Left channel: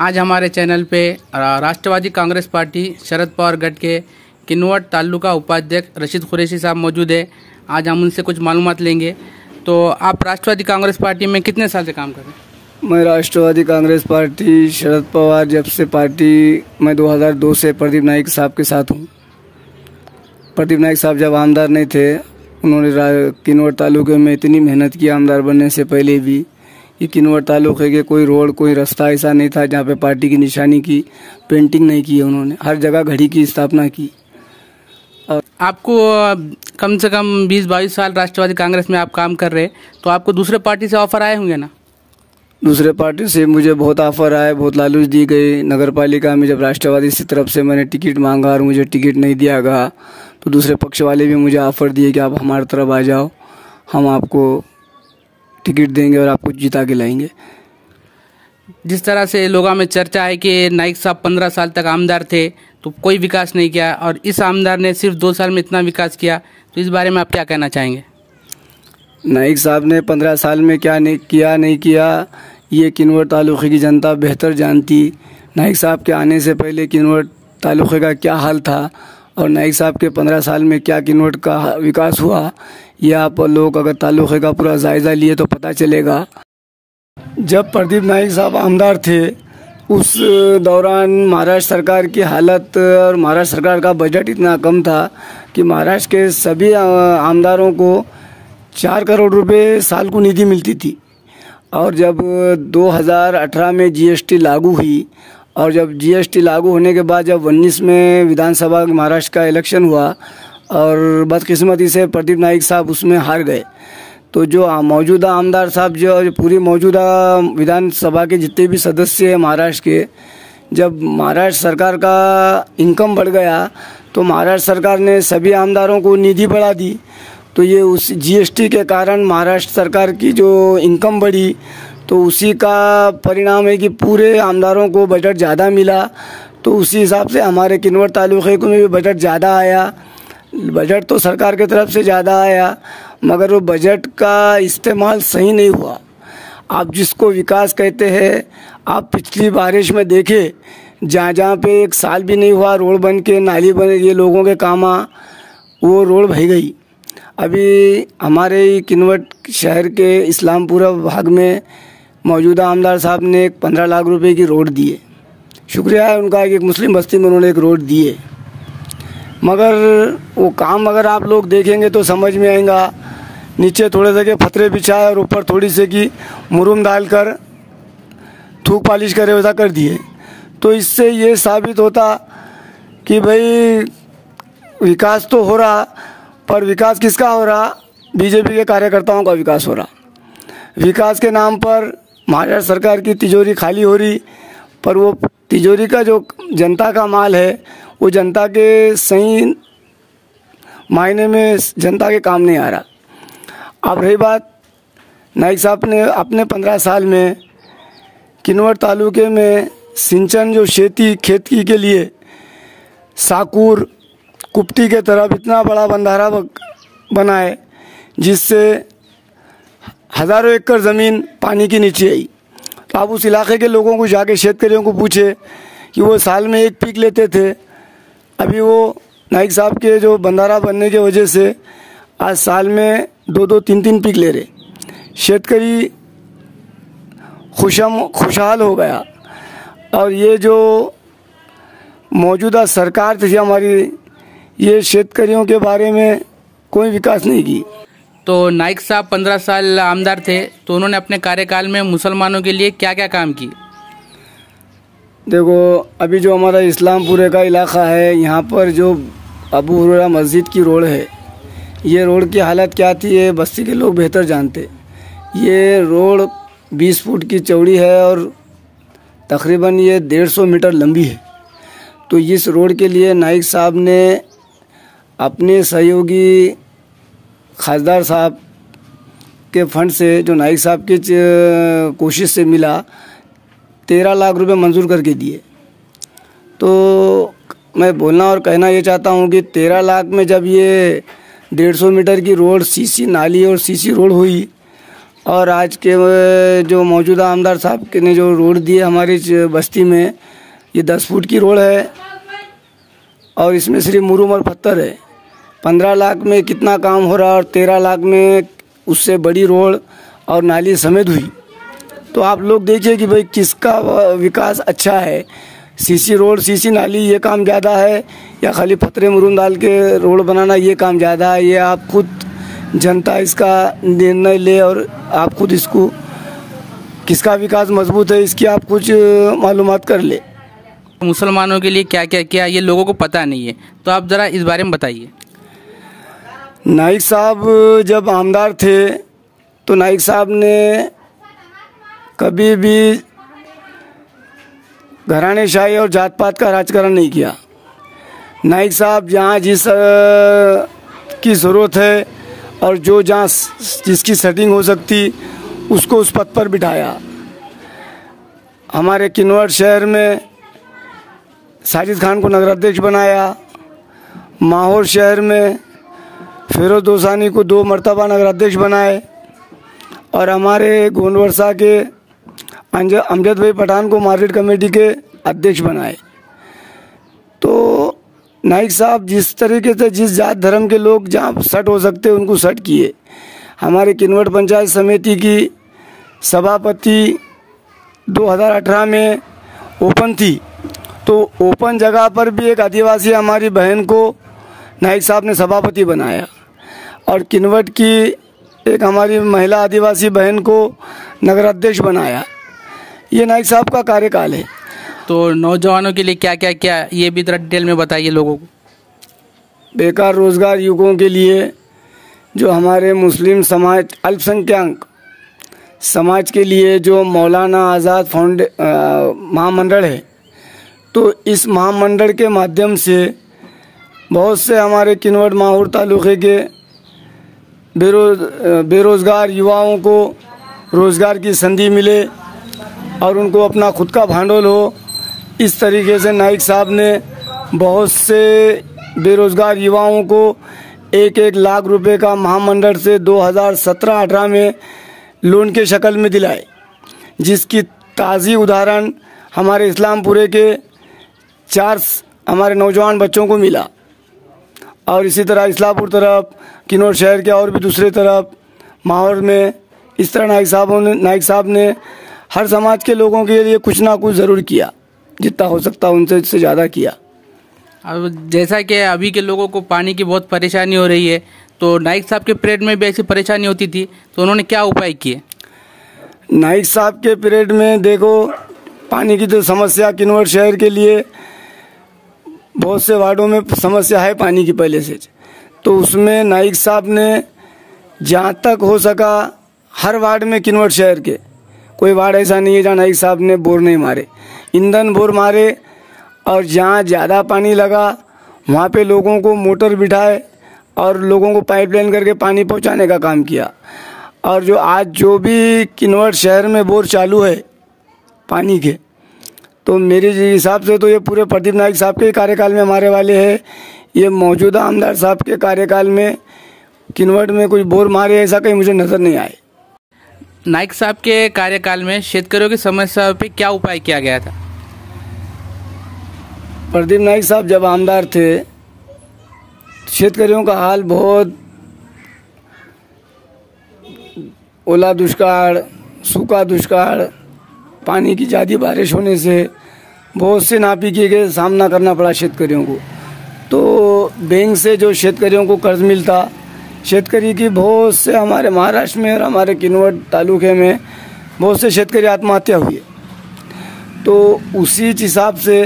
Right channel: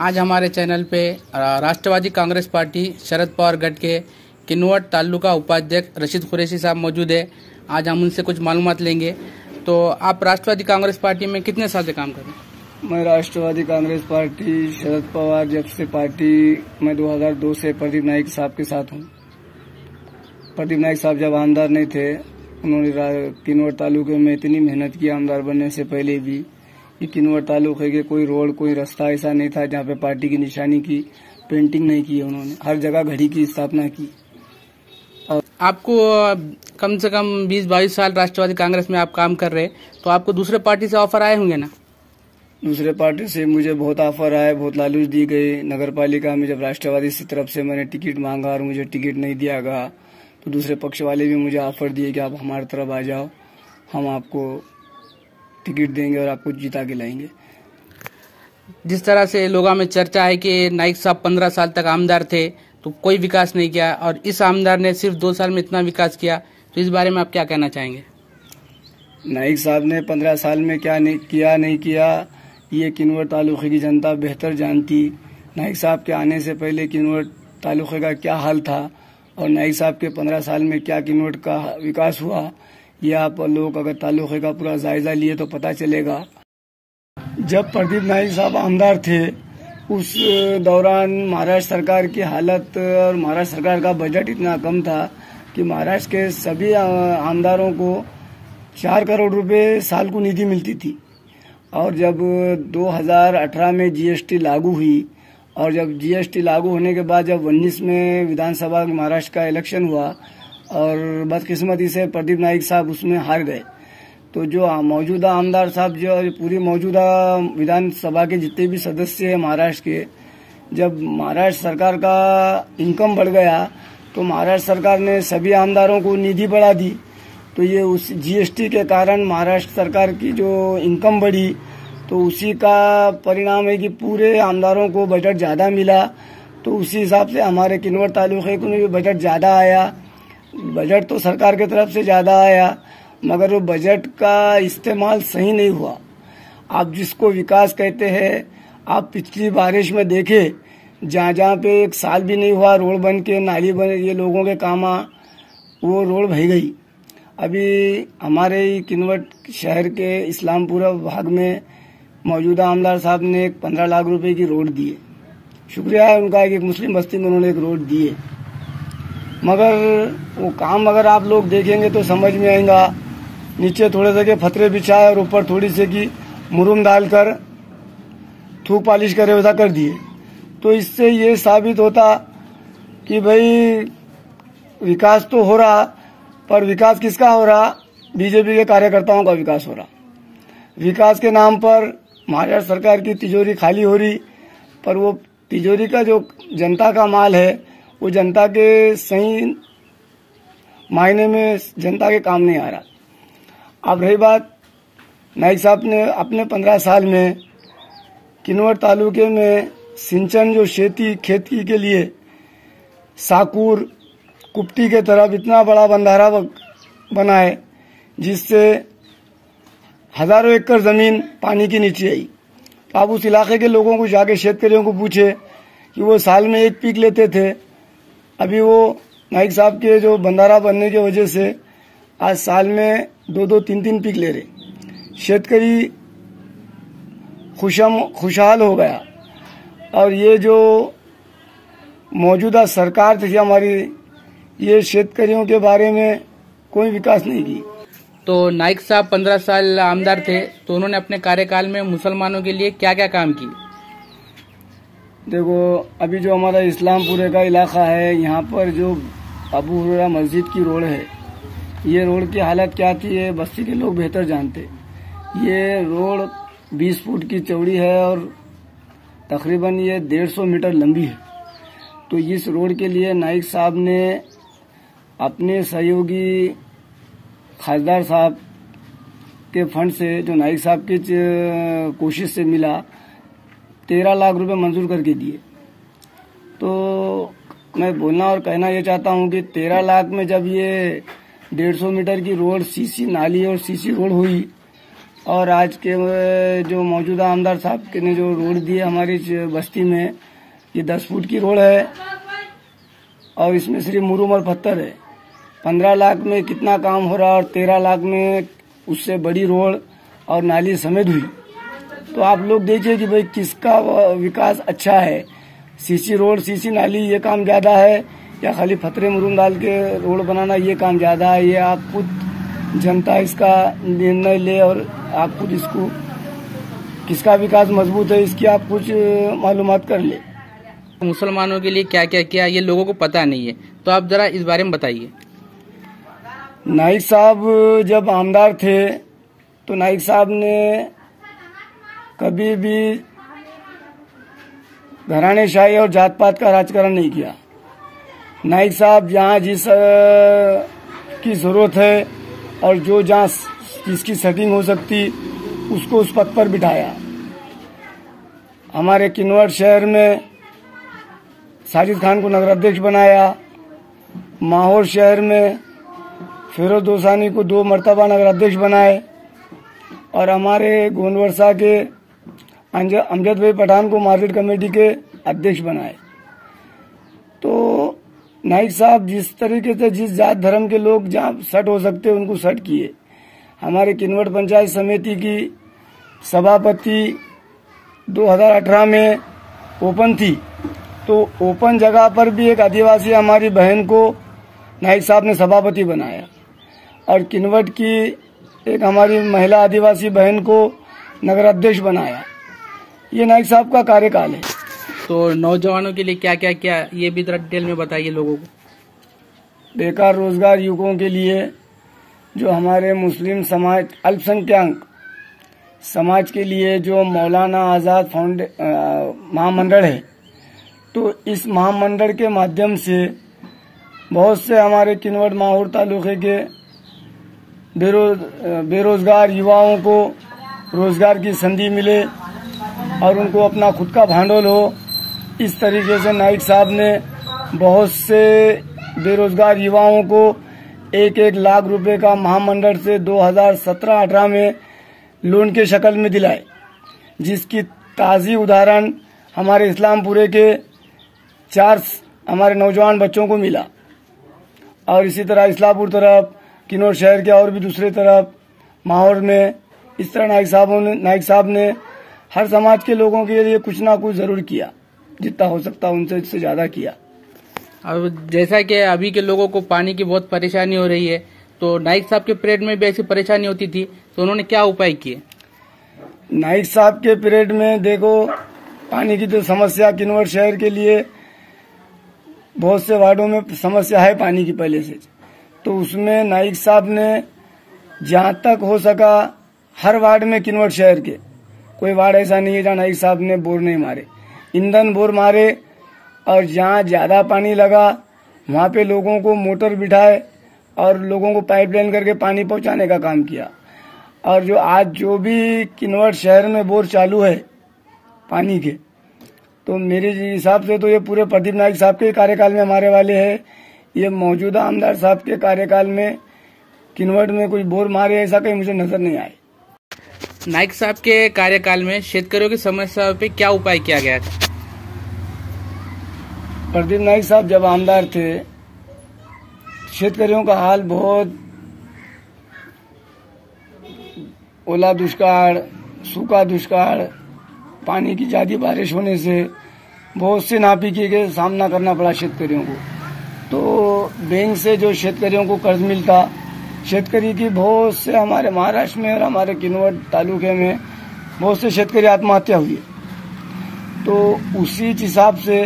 आज हमारे चैनल पे राष्ट्रवादी कांग्रेस पार्टी शरद पवार गढ़ के किन्नौर तालुका उपाध्यक्ष रशीद कुरैशी साहब मौजूद है। आज हम उनसे कुछ मालूमात लेंगे। तो आप राष्ट्रवादी कांग्रेस पार्टी में कितने साल से काम कर रहे हैं? मैं राष्ट्रवादी कांग्रेस पार्टी शरद पवार जब से पार्टी मैं 2002 से प्रदीप नाइक साहब के साथ हूँ। प्रदीप नाइक साहब जब आमदार नहीं थे, उन्होंने किन्नौर तालुके में इतनी मेहनत की आमदार बनने से पहले भी कि किन्नौर तालुके के कोई रोड कोई रास्ता ऐसा नहीं था जहाँ पे पार्टी की निशानी की पेंटिंग नहीं की है। उन्होंने हर जगह घड़ी की स्थापना की। आपको कम से कम 20-22 साल राष्ट्रवादी कांग्रेस में आप काम कर रहे हैं, तो आपको दूसरे पार्टी से ऑफर आए होंगे ना? दूसरे पार्टी से मुझे बहुत ऑफर आए, बहुत लालच दी गई। नगर पालिका में जब राष्ट्रवादी की तरफ से मैंने टिकट मांगा और मुझे टिकट नहीं दिया गया, तो दूसरे पक्ष वाले भी मुझे ऑफर दिए कि आप हमारी तरफ आ जाओ, हम आपको टिकट देंगे और आपको जिता के लाएंगे। जिस तरह से लोगों में चर्चा है कि नाइक साहब 15 साल तक आमदार थे तो कोई विकास नहीं किया, और इस आमदार ने सिर्फ 2 साल में इतना विकास किया, तो इस बारे में आप क्या कहना चाहेंगे? नाइक साहब ने 15 साल में क्या नहीं किया ये किन्नौर तालुके की जनता बेहतर जानती। नाइक साहब के आने से पहले किन्नौर तालुके का क्या हाल था और नाइक साहब के 15 साल में क्या किन्नौर का विकास हुआ, ये आप लोग अगर तालुके का पूरा जायजा लिए तो पता चलेगा। जब प्रदीप नाइक साहब आमदार थे उस दौरान महाराष्ट्र सरकार की हालत और महाराष्ट्र सरकार का बजट इतना कम था कि महाराष्ट्र के सभी आमदारों को 4 करोड़ रुपए साल को निधि मिलती थी। और जब 2018 में जीएसटी लागू हुई और जब जीएसटी लागू होने के बाद जब 19 में विधानसभा महाराष्ट्र का इलेक्शन हुआ और बदकिस्मती से प्रदीप नाइक साहब उसमें हार गए, तो जो मौजूदा आमदार साहब जो पूरी मौजूदा विधानसभा के जितने भी सदस्य हैं महाराष्ट्र के, जब महाराष्ट्र सरकार का इनकम बढ़ गया तो महाराष्ट्र सरकार ने सभी आमदारों को निधि बढ़ा दी। तो ये उस जीएसटी के कारण महाराष्ट्र सरकार की जो इनकम बढ़ी, तो उसी का परिणाम है कि पूरे आमदारों को बजट ज़्यादा मिला। तो उसी हिसाब से हमारे किन्नौर तालुके को भी बजट ज़्यादा आया। बजट तो सरकार की तरफ से ज़्यादा आया, मगर वो बजट का इस्तेमाल सही नहीं हुआ। आप जिसको विकास कहते हैं, आप पिछली बारिश में देखे जहाँ जहाँ पे 1 साल भी नहीं हुआ रोड बन के नाली बन ये लोगों के काम वो रोड बह गई। अभी हमारे किन्नौर शहर के इस्लामपुरा भाग में मौजूदा आमदार साहब ने 15 लाख रुपए की रोड दी है। शुक्रिया है उनका कि एक मुस्लिम बस्ती में उन्होंने एक रोड दी है, मगर वो काम अगर आप लोग देखेंगे तो समझ में आएगा। नीचे थोड़े से के फतरे बिछाए और ऊपर थोड़ी से की मुरुम डालकर थूक पालिश करे वैसा कर दिए। तो इससे ये साबित होता कि भाई विकास तो हो रहा, पर विकास किसका हो रहा? बीजेपी के कार्यकर्ताओं का विकास हो रहा। विकास के नाम पर महाराष्ट्र सरकार की तिजोरी खाली हो रही, पर वो तिजोरी का जो जनता का माल है वो जनता के सही मायने में जनता के काम नहीं आ रहा। अब रही बात नाइक साहब ने अपने 15 साल में किन्नौर तालुके में सिंचन जो खेती के लिए साकूर कुप्टी के तरफ इतना बड़ा बंधारा बनाए जिससे हज़ारों एकड़ ज़मीन पानी के नीचे आई। तो आप उस इलाके के लोगों को जाके शेतकरियों को पूछे कि वो साल में 1 पीक लेते थे, अभी वो नाइक साहब के जो बंधारा बनने की वजह से आज साल में 2-2, 3-3 पीक ले रहे। शेतकरी खुशहाल हो गया। और ये जो मौजूदा सरकार थी हमारी, ये शेतकरियों के बारे में कोई विकास नहीं की। तो नाइक साहब 15 साल आमदार थे, तो उन्होंने अपने कार्यकाल में मुसलमानों के लिए क्या क्या काम किए? देखो, अभी जो हमारा इस्लामपुरे का इलाका है, यहाँ पर जो अबू हुरैरा मस्जिद की रोड है, ये रोड की हालत क्या थी ये बस्ती के लोग बेहतर जानते। ये रोड 20 फुट की चौड़ी है और तकरीबन ये 150 मीटर लंबी है। तो इस रोड के लिए नाइक साहब ने अपने सहयोगी खासदार साहब के फंड से, जो नाइक साहब की कोशिश से मिला, 13 लाख रुपए मंजूर करके दिए। तो मैं बोलना और कहना ये चाहता हूँ कि 13 लाख में जब ये 150 मीटर की रोड सीसी नाली और सीसी रोड हुई, और आज के जो मौजूदा आमदार साहब के ने जो रोड दिए हमारी बस्ती में, ये 10 फुट की रोड है और इसमें सिर्फ मुरूम और पत्थर है। 15 लाख में कितना काम हो रहा है और 13 लाख में उससे बड़ी रोड और नाली समेत हुई। तो आप लोग देखिए कि भाई किसका विकास अच्छा है, सीसी रोड सीसी नाली ये काम ज़्यादा है या खाली पत्थरे मुरूम डाल के रोड बनाना ये काम ज़्यादा है। ये आप खुद जनता इसका निर्णय ले और आप खुद इसको किसका विकास मजबूत है इसकी आप कुछ मालूमात कर ले। मुसलमानों के लिए क्या क्या किया ये लोगों को पता नहीं है, तो आप ज़रा इस बारे में बताइए। नाइक साहब जब आमदार थे तो नाइक साहब ने कभी भी घरानेशाही और जात पात का राजकारण नहीं किया। नाइक साहब जहाँ की ज़रूरत है और जो जहाँ जिसकी सेटिंग हो सकती उसको उस पद पर बिठाया। हमारे किन्नौर शहर में साजिद खान को नगराध्यक्ष बनाया। माहौर शहर में फिरोज दोसानी को 2 मरतबा नगराध्यक्ष बनाए और हमारे गोंडवर्षा के अमजद भाई पठान को मार्केट कमेटी के अध्यक्ष बनाए। तो नाइक साहब जिस तरीके से जिस जात धर्म के लोग जहाँ सट हो सकते उनको सट किए। हमारे किन्नौर पंचायत समिति की सभापति 2018 में ओपन थी, तो ओपन जगह पर भी एक आदिवासी हमारी बहन को नाइक साहब ने सभापति बनाया और किन्नौर की एक हमारी महिला आदिवासी बहन को नगराध्यक्ष बनाया। ये नाइक साहब का कार्यकाल है। तो नौजवानों के लिए क्या क्या किया ये भी थोड़ा डिटेल में बताइए लोगों को। बेकार रोजगार युवकों के लिए जो हमारे मुस्लिम समाज अल्पसंख्यक समाज के लिए जो मौलाना आज़ाद महामंडल है, तो इस महामंडल के माध्यम से बहुत से हमारे किन्नौर माहौर तालुके के बेरोजगार युवाओं को रोजगार की संधि मिले और उनको अपना खुद का भांडोल हो। इस तरीके से नाइक साहब ने बहुत से बेरोजगार युवाओं को 1-1 लाख रुपए का महामंडल से 2017-18 में लोन के शक्ल में दिलाए, जिसकी ताज़ी उदाहरण हमारे इस्लामपुरे के 4 हमारे नौजवान बच्चों को मिला। और इसी तरह इस्लामपुर तरफ किन्नौर शहर के और भी दूसरे तरफ माहौर में इस तरह नाइक साहब ने हर समाज के लोगों के लिए कुछ ना कुछ ज़रूर किया, जितना हो सकता उनसे ज़्यादा किया। और जैसा कि अभी के लोगों को पानी की बहुत परेशानी हो रही है, तो नाइक साहब के पीरियड में भी ऐसी परेशानी होती थी, तो उन्होंने क्या उपाय किए? नाइक साहब के पीरियड में देखो पानी की तो समस्या किन्नौर शहर के लिए बहुत से वार्डों में समस्या है पानी की पहले से, तो उसमें नाइक साहब ने जहाँ तक हो सका हर वार्ड में किन्नौर शहर के कोई वार्ड ऐसा नहीं है जहाँ नाइक साहब ने बोर नहीं मारे, ईंधन बोर मारे और जहाँ ज़्यादा पानी लगा वहाँ पे लोगों को मोटर बिठाए और लोगों को पाइपलाइन करके पानी पहुँचाने का काम किया। और जो आज जो भी किन्नौर शहर में बोर चालू है पानी के, तो मेरे हिसाब से तो ये पूरे प्रदीप नाइक साहब के कार्यकाल में हमारे वाले हैं। ये मौजूदा आमदार साहब के कार्यकाल में किन्नौर में कोई बोर मारे ऐसा कहीं मुझे नज़र नहीं आए। नाइक साहब के कार्यकाल में शेतकरियों की समस्या पे क्या उपाय किया गया था? प्रदीप नाइक साहब जब आमदार थे शेतकरियों का हाल बहुत ओला दुष्काल, सूखा दुष्काल, पानी की ज़्यादा बारिश होने से बहुत से नापीकी के सामना करना पड़ा शेतकरियों को। तो बैंक से जो शेतकरियों को कर्ज मिलता, शेतकरी की बहुत से हमारे महाराष्ट्र में और हमारे किन्नौर तालुके में बहुत से शेतकरी आत्महत्या हुई। तो उसी हिसाब से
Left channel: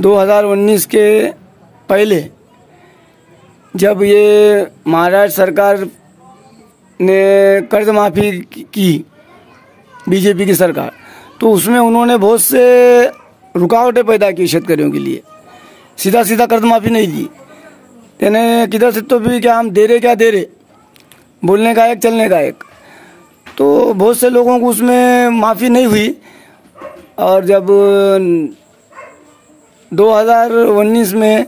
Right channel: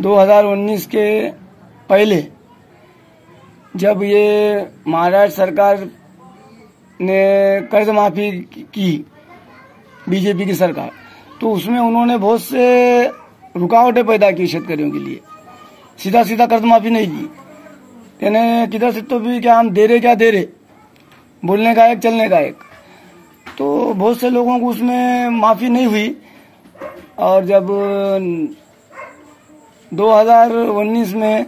2019 के पहले जब ये महाराष्ट्र सरकार ने कर्ज माफ़ी की बीजेपी की सरकार, तो उसमें उन्होंने बहुत से रुकावटें पैदा की शेतकरियों के लिए। सीधा सीधा कर्ज माफ़ी नहीं दी, यानी किधर से तो भी क्या हम दे रहे बोलने का एक चलने का एक, तो बहुत से लोगों को उसमें माफ़ी नहीं हुई। और जब 2019 में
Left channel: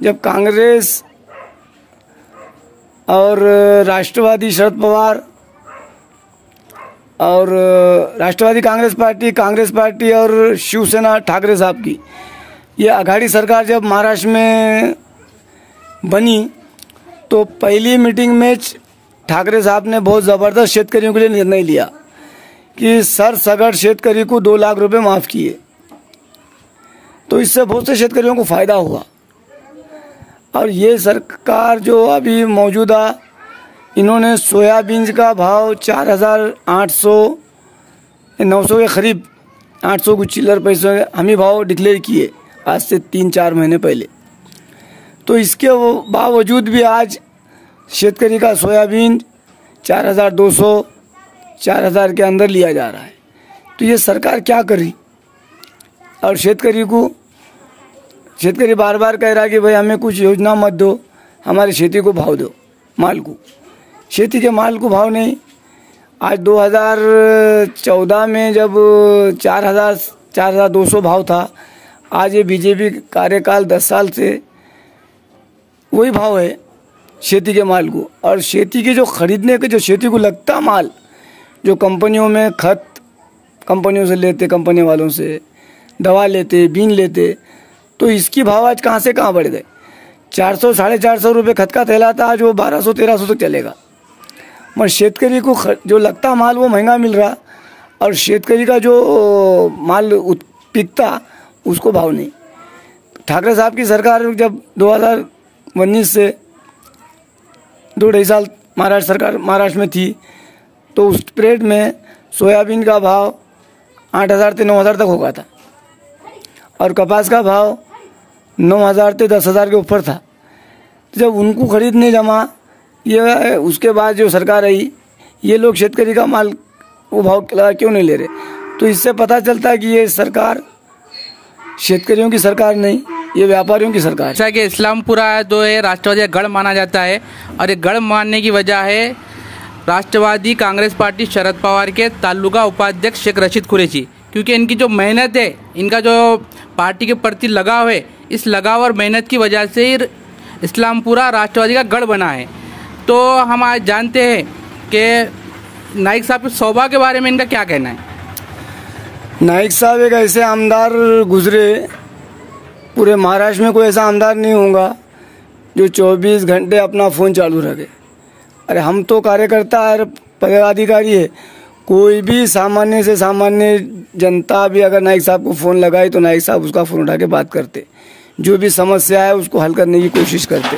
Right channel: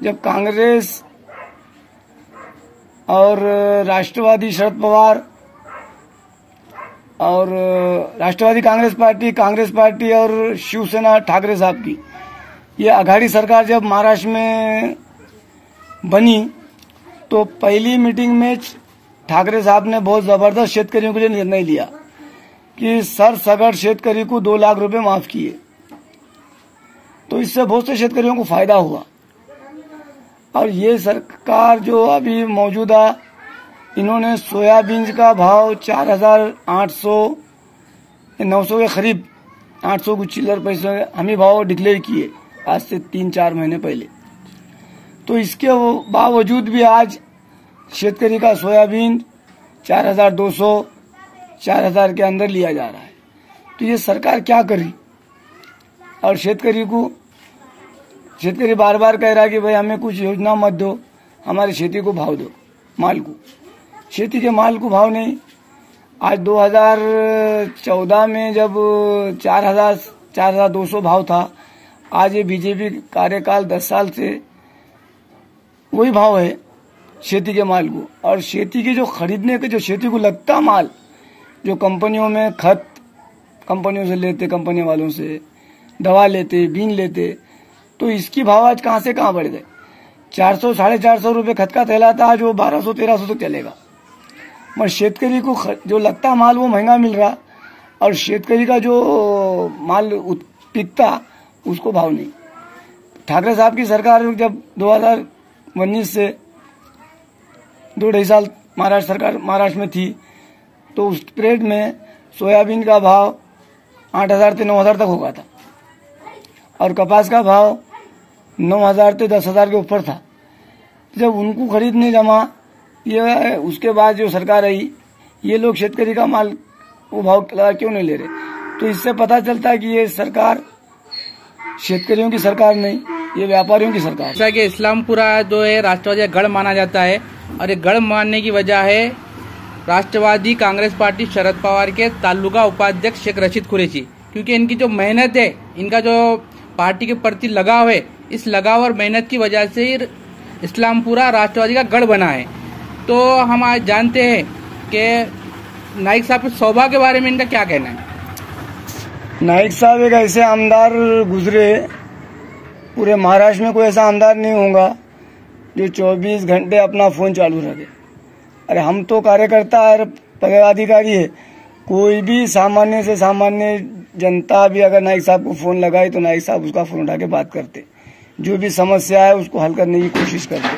जब कांग्रेस और राष्ट्रवादी शरद पवार और राष्ट्रवादी कांग्रेस पार्टी और शिवसेना ठाकरे साहब की ये आघाड़ी सरकार जब महाराष्ट्र में बनी तो पहली मीटिंग में ठाकरे साहब ने बहुत ज़बरदस्त शेतकरियों के लिए निर्णय लिया कि सरसगढ़ शेतकरी को 2 लाख रुपए माफ़ किए। तो इससे बहुत से शेतकरियों को फ़ायदा हुआ। और ये सरकार जो अभी मौजूदा इन्होंने सोयाबीन का भाव 4,800-900 के करीब 800 कुछ चिल्लर पैसे हम ही भाव डिक्लेयर किए आज से 3-4 महीने पहले। तो इसके बावजूद भी आज शेतकरी का सोयाबीन 4,200-4,000 के अंदर लिया जा रहा है। तो ये सरकार क्या करी? और शेतकरी बार बार कह रहा है कि भाई हमें कुछ योजना मत दो, हमारी खेती को भाव दो, माल को। खेती के माल को भाव नहीं। आज 2014 में जब 4,200 भाव था, आज ये बीजेपी कार्यकाल 10 साल से वही भाव है खेती के माल को। और खेती के जो खरीदने के जो खेती को लगता माल जो कंपनियों में खत कंपनियों से लेते, कंपनी वालों से दवा लेते, बीन लेते, तो इसकी भाव आज कहाँ से कहाँ बढ़ गए। 400-450 रुपये खत का थैला था, आज वो 1200-1300 तक चलेगा। मगर शेतकरी को जो लगता माल वो महंगा मिल रहा और शेतकरी का जो माल बिकता उसको भाव नहीं। ठाकरे साहब की सरकार जब 2019 से 2-2.5 साल महाराष्ट्र में थी तो उस पीरियड में सोयाबीन का भाव 8,000 से 9,000 तक होगा था और कपास का भाव 9,000 से 10,000 के ऊपर था। जब उनको खरीदने जमा ये उसके बाद जो सरकार आई, ये लोग शेतकरी का माल वो भाव क्यों नहीं ले रहे? तो इससे पता चलता है कि ये सरकार शेतकरियों की सरकार नहीं, ये व्यापारियों की सरकार है। जैसा कि इस्लामपुरा जो है राष्ट्रवादी का गढ़ माना जाता है और ये गढ़ मानने की वजह है राष्ट्रवादी कांग्रेस पार्टी शरद पवार के तालुका उपाध्यक्ष शेख रशीद कुरैशी, क्योंकि इनकी जो मेहनत है, इनका जो पार्टी के प्रति लगाव है, इस लगाव और मेहनत की वजह से इस्लामपुरा राष्ट्रवादी का गढ़ बना है। तो हम आज जानते हैं कि नाइक साहब के सौभाग्य के बारे में इनका क्या कहना है। नाइक साहब एक ऐसे आमदार गुजरे, पूरे महाराष्ट्र में कोई ऐसा आमदार नहीं होगा जो 24 घंटे अपना फ़ोन चालू रखे। अरे हम तो कार्यकर्ता और पदाधिकारी है, कोई भी सामान्य से सामान्य जनता भी अगर नाइक साहब को फ़ोन लगाए तो नाइक साहब उसका फ़ोन उठा के बात करते, जो भी समस्या है उसको हल करने की कोशिश करते।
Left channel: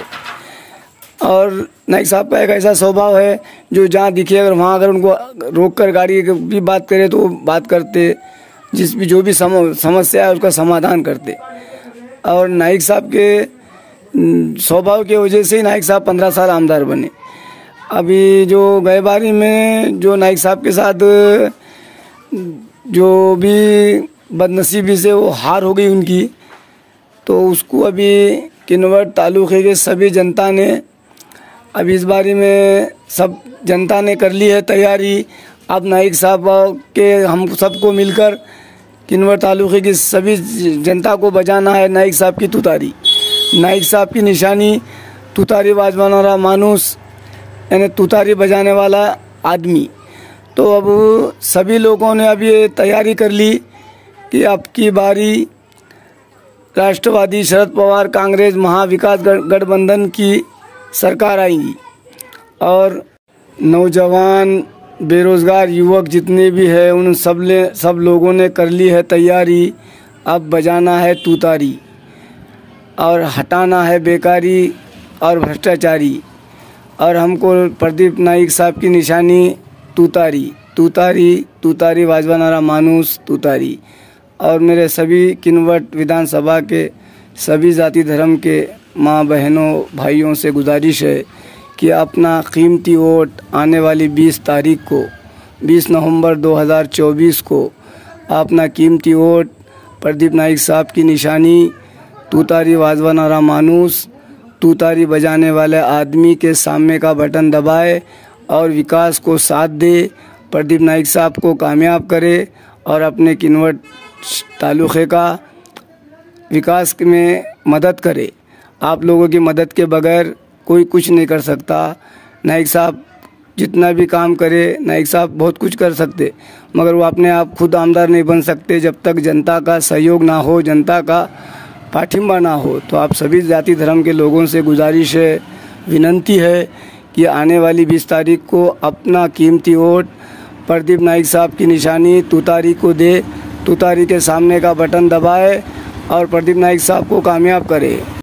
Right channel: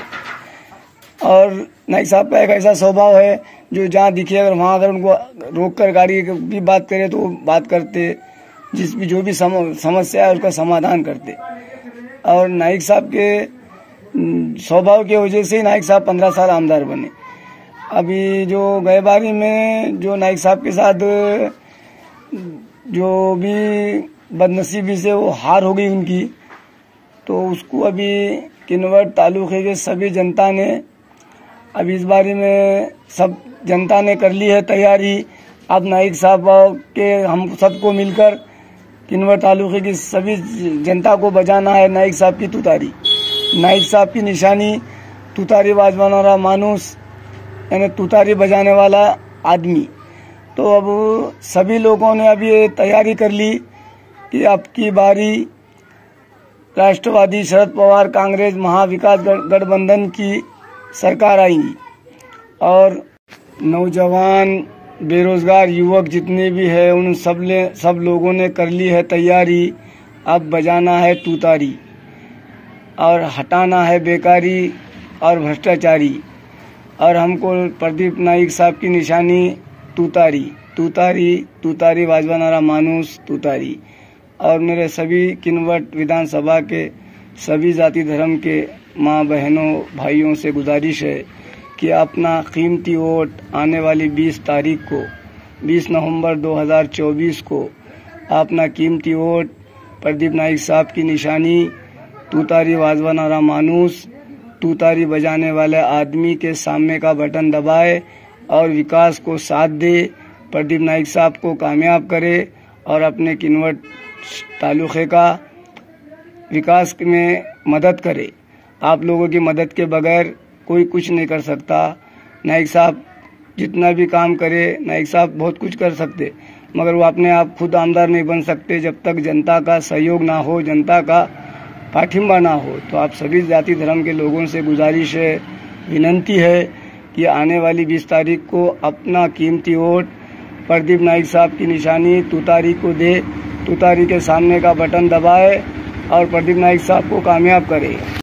और नाइक साहब का एक ऐसा स्वभाव है जो जहाँ दिखे अगर वहाँ अगर उनको रोक कर गाड़ी भी बात करे तो बात करते, जो भी समस्या है उसका समाधान करते। और नाइक साहब के स्वभाव की वजह से ही नाइक साहब 15 साल आमदार बने। अभी जो गए बारी में जो नाइक साहब के साथ जो भी बदनसीबी से वो हार हो गई उनकी, तो उसको अभी किन्नौर तालुके के सभी जनता ने अभी इस बारे में सब जनता ने कर ली है तैयारी। अब नाइक साहब के हम सबको मिलकर किन्नौर तालुके की सभी जनता को बजाना है नाइक साहब की तुतारी। नाइक साहब की निशानी तुतारी बजाने वाला मानुस, यानी तुतारी बजाने वाला आदमी। तो अब सभी लोगों ने अब ये तैयारी कर ली कि अब की बारी राष्ट्रवादी शरद पवार कांग्रेस महाविकास गठबंधन की सरकार आएगी और नौजवान बेरोजगार युवक जितने भी हैं उन सब लोगों ने कर ली है तैयारी। अब बजाना है तुतारी और हटाना है बेकारी और भ्रष्टाचारी। और हमको प्रदीप नाइक साहब की निशानी तुतारी, तुतारी तुतारी बजाना मानुस तुतारी। और मेरे सभी किन्नौर विधानसभा के सभी जाति धर्म के माँ बहनों भाइयों से गुजारिश है कि अपना कीमती वोट आने वाली 20 तारीख को 20 नवंबर 2024 को अपना कीमती वोट प्रदीप नाइक साहब की निशानी तुतारी बजाना मानुस तुतारी बजाने वाले आदमी के सामने का बटन दबाए और विकास को साथ दे, प्रदीप नाइक साहब को कामयाब करे और अपने किन्नौर तालुके का विकास में मदद करे। आप लोगों की मदद के बगैर कोई कुछ नहीं कर सकता। नाइक साहब जितना भी काम करे नाइक साहब बहुत कुछ कर सकते, मगर वो अपने आप खुद आमदार नहीं बन सकते जब तक जनता का सहयोग ना हो, जनता का पाठिंबा ना हो। तो आप सभी जाति धर्म के लोगों से गुजारिश है, विनंती है कि आने वाली 20 तारीख को अपना कीमती वोट प्रदीप नाइक साहब की निशानी तुतारी को दे, तुतारी के सामने का बटन दबाए और प्रदीप नाइक साहब को कामयाब करे।